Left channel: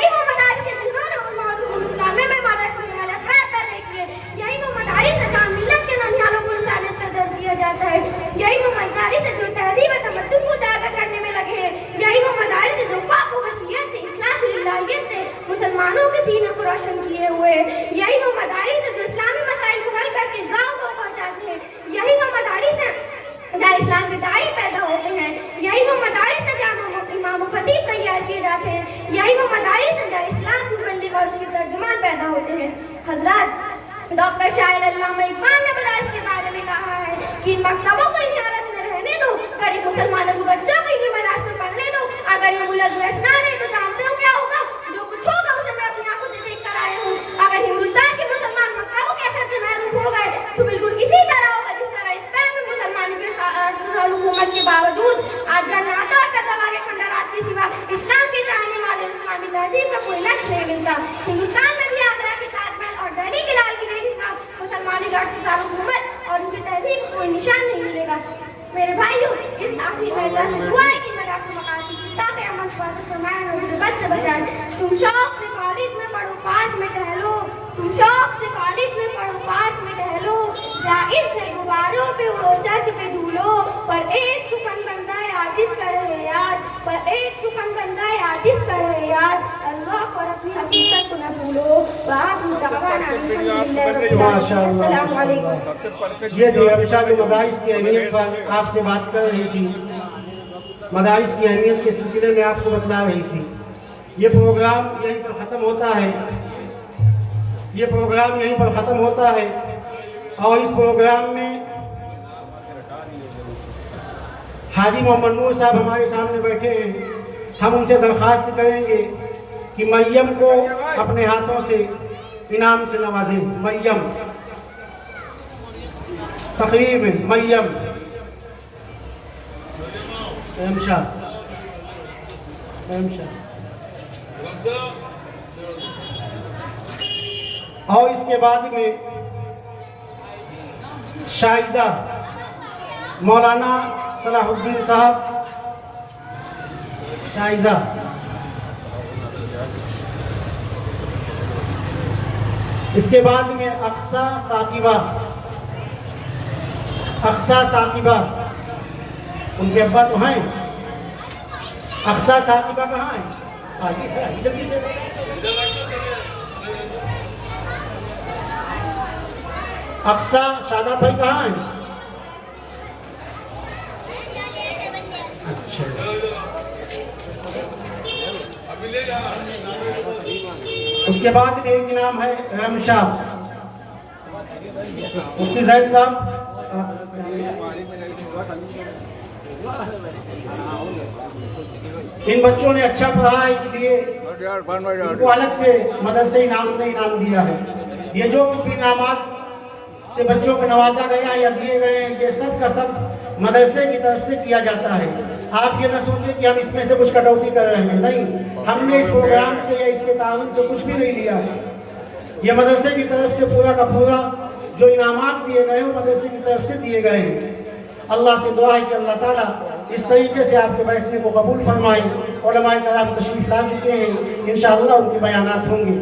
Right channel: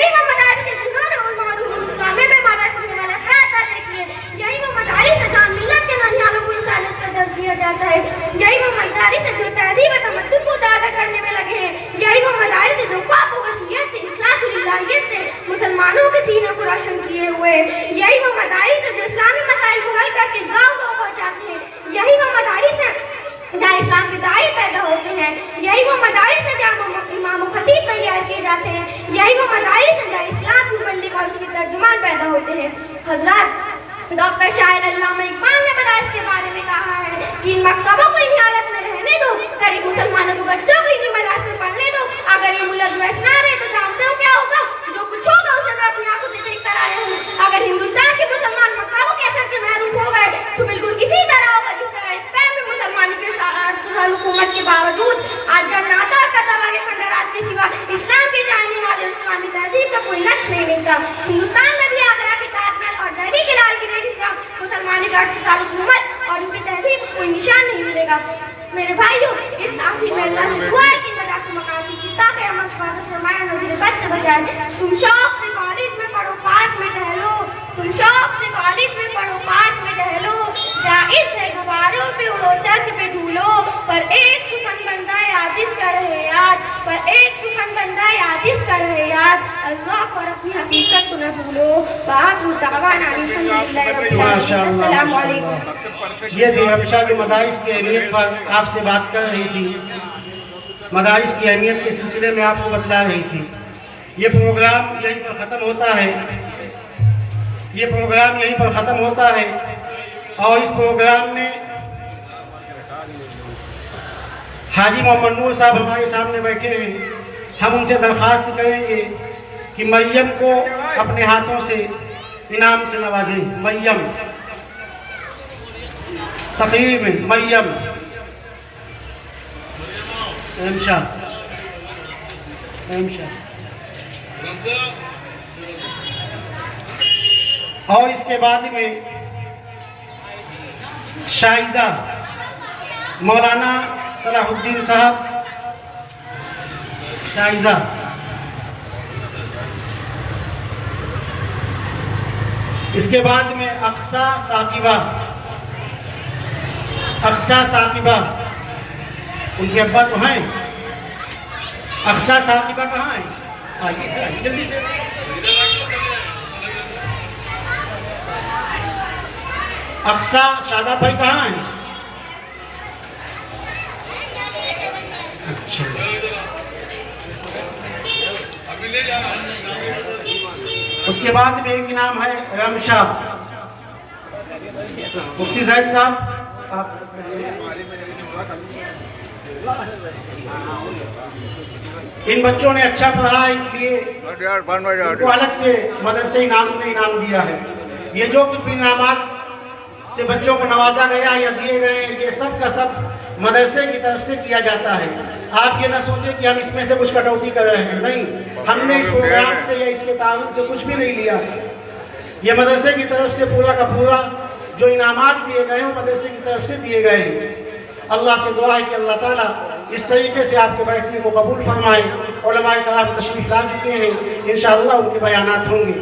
यही वो मदारिस है जिन्होंने मारूफ इस्लामी में मदद करने वाला अफराद पैदा किए। यही वो मदारिस है जहाँ मिल्लत के नन्हालों को इंसानियत का दर्ज दिया जाता है। यही वो मदारिस है जो तहजीब तमद्दुन को उजागर करने में लगे हैं। यही वो मदारिस है जो खौफ व खशियत से, इखलास व लिल्लाहियत से मुसलमानों के सीने को रोशन किए हुए। यही वो मदारिस है जो इस्लामी मसाइल को हल करके गाँव-गाँव पहुँचाते हैं। यही वो मदारिस है जहाँ इस्लाम के दाई पैदा होते हैं। यही वो मदारिस है जहाँ इमाम खतीब तैयार किए जाते हैं। यही वो मदारिस है जहाँ इस्लाम की मुबल्लिग और उसके तर्जुमान पैदा होते हैं। हजरत डॉक्टर शाहिद अल्लामा इकबाल ने मदारिस के बारे में कहा है कि इन मकतबों को इन हालत में रहने दो, गरीब मुसलमानों को बच्चों को इन्हीं मदारिस में पढ़ने दो। अगर ये मुल्क वैसे ना रहे तो जानते हो क्या होगा? जो कुछ होगा उसे मैं अपनी आंखों से देख कर आया हूँ। अगर हिंदुस्तान के मुसलमान मकतबों के असर से महरूम हो गए तो बिल्कुल इसी तरह होगा जिस तरह स्पेन में मुसलमान के हुकूमत के बावजूद आज गन्नाता और कतवा के खंडरात के सिवा इस्लाम के चाहने वाले इस्लामी तहजीब का कोई नक्श नहीं मिलता। हिंदुस्तान में भी आगरा के ताजमहल और दिल्ली के लाल किले के सिवा मुसलमानी का 800 साल हुकूमत और उनकी तहजीब को कोई निशान नहीं मिलेगा। मेरे भाइयों, जितना आखिर में अल्लाह से दुआ है कि मदार से मकाती पिता के अमल पर फरमाया नजर बद से बचाए। तुम शौक से कॉलेज में पढ़ो, पार्क में टहलो। तुम शौक से कॉलेज में पढ़ो, पार्क में टहलो। जायज है गुब्बारों पे उड़ो, छत पे झूलो, पर एक सुखन बंदा आजिज कर रहे यार, पर एक सुखन बंदा आजिज कर रहे यार। अल्लाह को और अपनी हकीकत को न भूलो। बात दावाना अस्सलाम वालेकुम। ये थी हमेशा के मदारिस की अहमियत पर आपसे बात कर रही थी, मदारिस की अहमियत के सिलसिले में आपको बतला रही थी। ये प्रोग्राम यहीं पर ख़त्म होता है, ये प्रोग्राम यहीं पर ख़त्म होता है। और इस प्रोग्राम में हाजी मोहम्मद नूर साहब हमारे सामने बैठे हैं। हम उनसे दरख्वास्त करेंगे कि मरियम को अपने हाथों से इनाम से नवाजें। मरियम तकरीब में मरियम और इसके बाद में शाइजा मौलाना सलाहुद्दीन साहब। शाइजा इसके बाद में अक्सा साकिबा। अक्सा साकिबा उनके अब्बा तो हैं। अक्सा साकिबा कहाँ है? आइए जल्दी से। अक्सा शादा भाई कहाँ है? अच्छा, उसके बाद में एक नाम है रमशा। मुफ्ती जैद साहब इन बच्चों ने अच्छा पढ़ा है, इसलिए उनको अलग से मदरसे इनाम ने इनाम दिया है। ये जो कुछ इनामात से बच्चों को नवाजा गया या दिए गए, ये सब का सब मदरसे की तरफ से किया जाता है। आप ये ना सोचें कि हम इसमें से कुछ कटौती कर रहे हैं, नहीं। हमने इस प्रोग्राम से या इसके ताउन से कुछ भी नहीं लिया। ये मदरसे की तरफ से पूरा का पूरा जो इनामात दिए गए वो मदरसे की तरफ से दिए गए हैं। अल्लाह से दुआ है कि अल्लाह ताला इस तरीके से आपके बैठने को कबूल फरमाए। उलमाए कराम तशरीफ़ ला चुके हैं, इंशाअल्लाह उनके बयानात होंगे।